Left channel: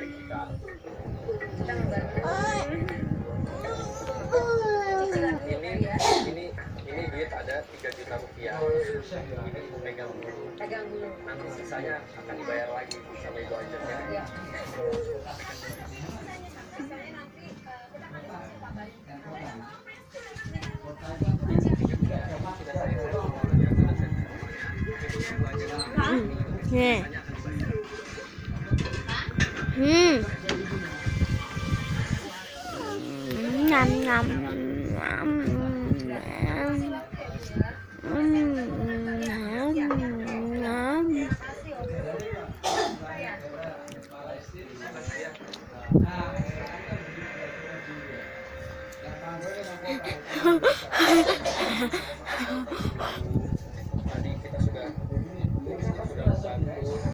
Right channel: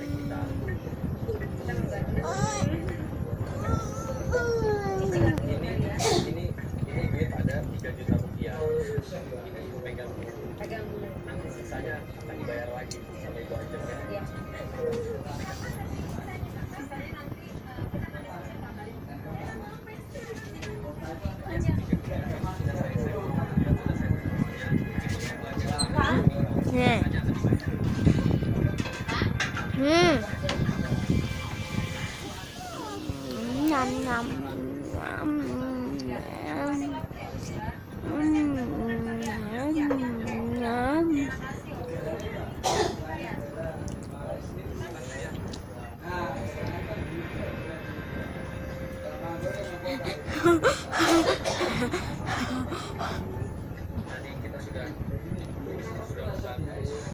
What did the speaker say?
dari kita. Ini duit ada 3 juta rupiah. Ini pegang dulu. Nanti sisanya akan dibayar lagi sama ibu Ajeng ya. Nih. Ngam ngam ngam. Tadi kita sudah membantu